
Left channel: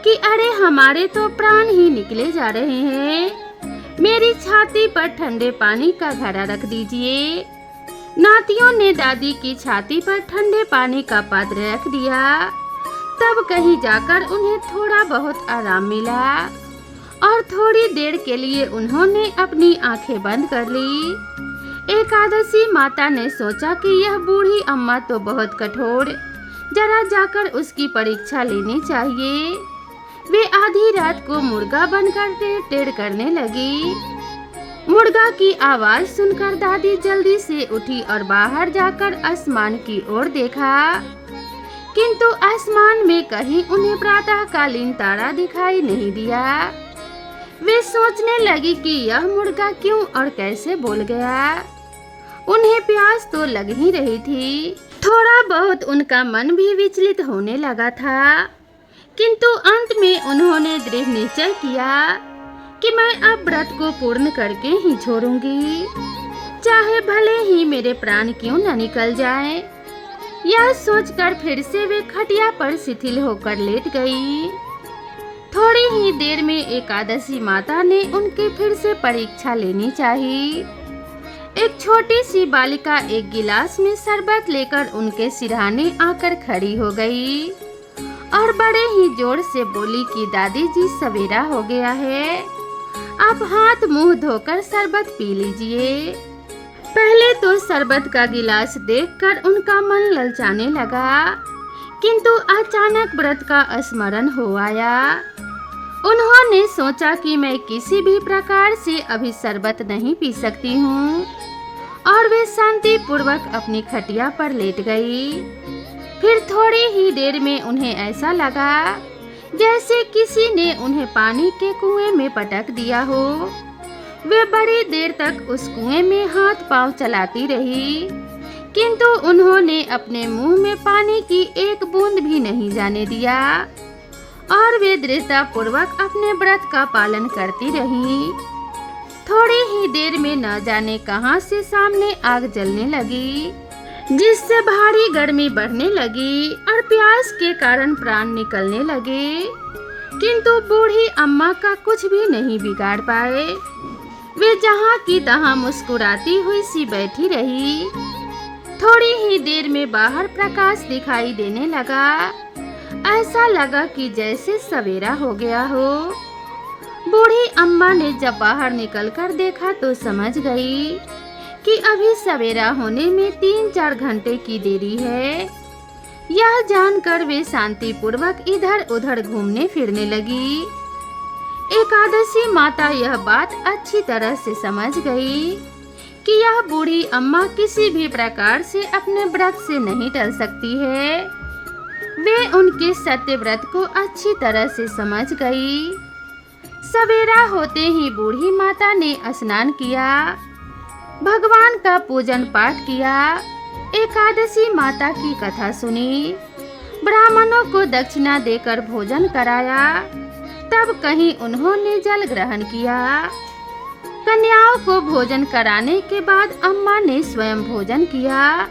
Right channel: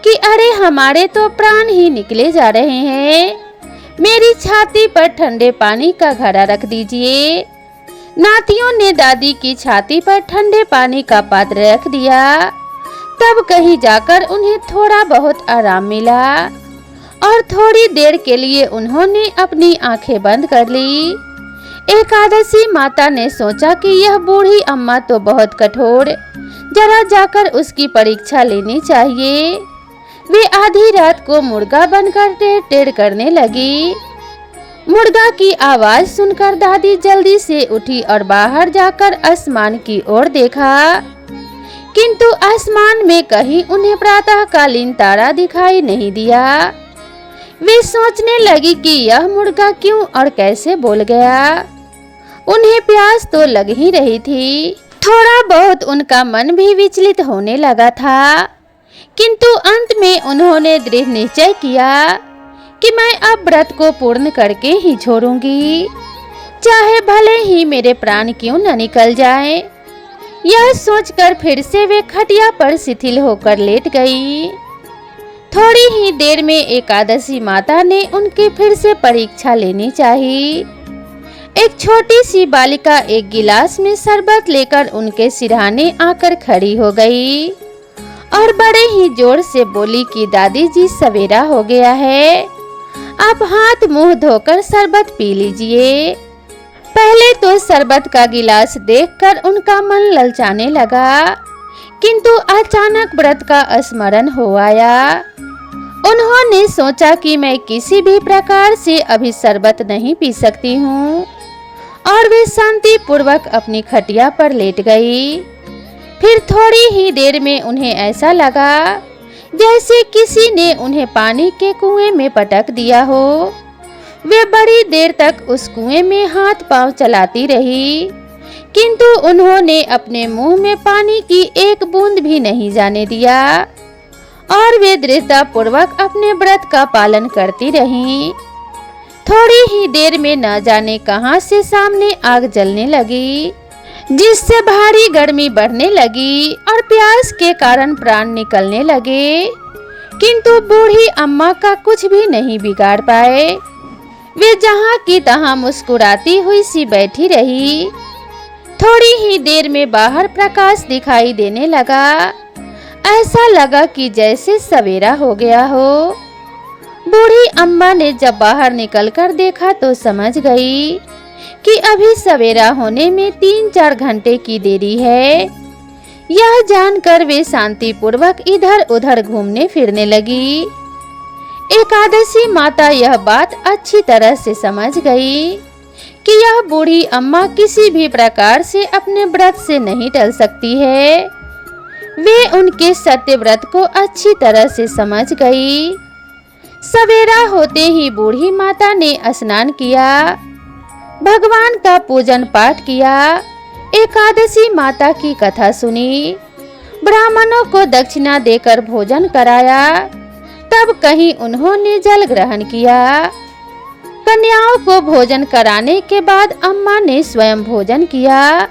कि अरे हमारे तो प्राण ही निकले जा रहे हैं। मेरी छाती पर ठंडे पानी का घड़ा रख दीजिए। नातियों ने दादी की छाती पर ठंडे पानी का पात्र रख दिया। तब कहीं जाकर उन्हें थोड़ा बहुत आराम मिला और थोड़ी देर के लिए उन्होंने अपनी आंखें बंद कर ली। एकादशी माता ने सोचा कि यह बूढ़ी अम्मा तो बहुत कठोर, जरा जाकर उसकी परीक्षा लेनी चाहिए। वे आधी रात को मुर्गा बनकर टेढ़ टेढ़ करने लगी। मुर्गा की आवाज सुनकर दादी जल्दी से उठी और बाहर जाकर आसमान की ओर देखा, किंतु आसमान में कहीं उन्हें प्रातःकालीन तारा दिखाई नहीं दिया। वे सोचने लगी कि यह मुर्गा क्यों और कैसे बोल गया। उन्हें प्यास तो लग ही रही थी। थोड़ा बहुत उनका मन भी विचलित होने लगा था, किंतु अंत में उन्होंने दृढ़ निश्चय किया कि मैं अब व्रत को पूर्ण करके ही छोड़ूंगी, चाहे भले ही मेरे प्राण क्यों न निकल जाए। यह सोचकर फिर से वे खटिया पर शिथिल होकर लेट गई। थोड़ी ही देर में एकादशी माता ने उनकी फिर से परीक्षा लेनी चाहिए। एक छोटी सी बालिका एक गिलास में शरबत लेकर उनके सिरहाने आकर खड़ी हो गई और बड़े ही जोर से बोली कि दादी जी, सवेरा हो गया है, आप हाथ मुंह धोकर शरबत पी लीजिए। पहले तो शरबत का गिलास देखकर उनका मन ललचाने लगा, किंतु अचानक व्रत का स्मरण हो आया। उन्होंने सोचा कि मैं किसी भी प्रकार से अभी शरबत नहीं पी सकती हूँ और वे शांति पूर्वक अपनी खटिया पर लेट गई। फिर थोड़ी ही देर में उन्हें ऐसा लगा जैसे किसी ने उन्हें पानी के कुएं में पटक दिया हो। वे बड़ी देर तक उस कुएं में हाथ पांव चलाती रही, किंतु उन्होंने अपने मुंह में पानी की एक बूंद भी नहीं जाने दिया और वे दृढ़ता पूर्वक अपने व्रत का पालन करती रहीं। थोड़ी ही देर में न जाने कहां से सामने आग जलने लगी, जिससे भारी गर्मी बढ़ने लगी और प्यास के कारण प्राण निकलने लगे, किंतु बूढ़ी अम्मा का कुछ भी नहीं बिगाड़ पाए। वे जहां की तहां मुस्कुराती हुई सी बैठी रही। थोड़ी ही देर में बाहर प्रकाश दिखाई देने लगा। ऐसा लगा कि जैसे सवेरा हो गया हो। बूढ़ी अम्मा ने जब बाहर निकलकर देखा तो समझ गई कि अभी सवेरा होने में 3-4 घंटे की देरी है। यह जानकर वे शांतिपूर्वक इधर उधर घूमने फिरने लगी। एकादशी माता यह बात अच्छी तरह से समझ गई कि यह बूढ़ी अम्मा किसी भी प्रकार से अपने व्रत से नहीं टल सकती है। वे उनके सत्य व्रत को अच्छी तरह से समझ गई। सवेरा होते ही बूढ़ी माता ने स्नान किया, भगवान का पूजन पाठ किया, एकादशी माता की कथा सुनी, ब्राह्मणों को दक्षिणा देकर भोजन कराया। तब कहीं उन्होंने जल ग्रहण किया। कन्याओं को भोजन कराने के बाद अम्मा ने स्वयं भोजन किया।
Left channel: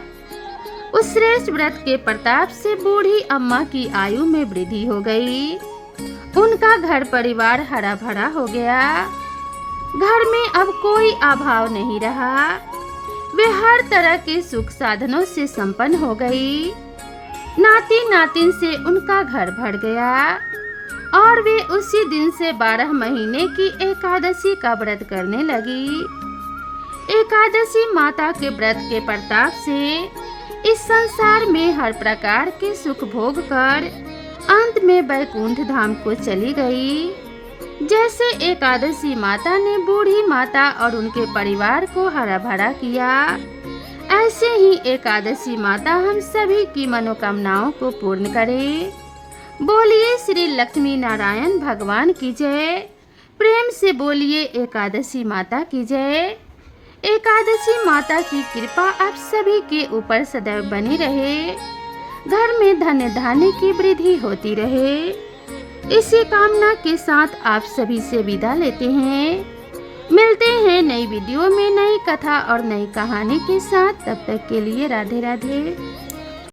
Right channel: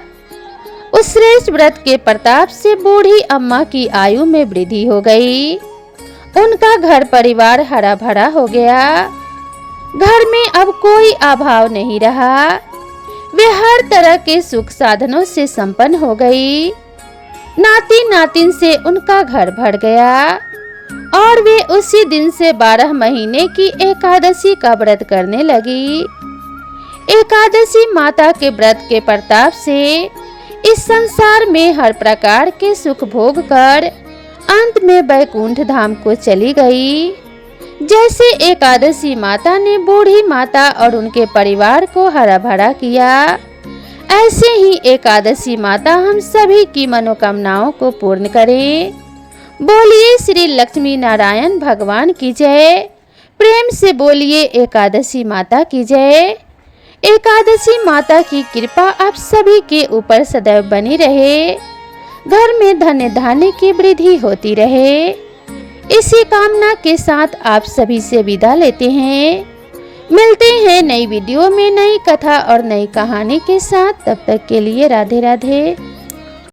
उस श्रेष्ठ व्रत के प्रताप से बूढ़ी अम्मा की आयु में वृद्धि हो गई। उनका घर परिवार हरा भरा हो गया। घर में अब कोई अभाव नहीं रहा। वे हर तरह के सुख साधनों से संपन्न हो गई। नाती नातिन से उनका घर भर गया और वे उसी दिन से 12 महीने की एकादशी का व्रत करने लगी। एकादशी माता के व्रत के प्रताप से इस संसार में हर प्रकार के सुख भोग कर अंत में वैकुंठ धाम को चली गई। जैसे एकादशी माता ने बूढ़ी माता और उनके परिवार को हरा भरा किया, ऐसे ही एकादशी माता हम सभी की मनोकामनाओं को पूर्ण करे। बोलिए श्री लक्ष्मी नारायण भगवान की जय। प्रेम से बोलिए एकादशी माता की जय। एकादशी माता की कृपा आप सभी के ऊपर सदैव बनी रहे। घर में धन्य धान्य की वृद्धि होती रहे। इसी कामना के साथ आप सभी से विदा लेते हैं। मिलते हैं नई वीडियो में नई कथा और नई कहानी के साथ। तब तक के लिए राधे राधे।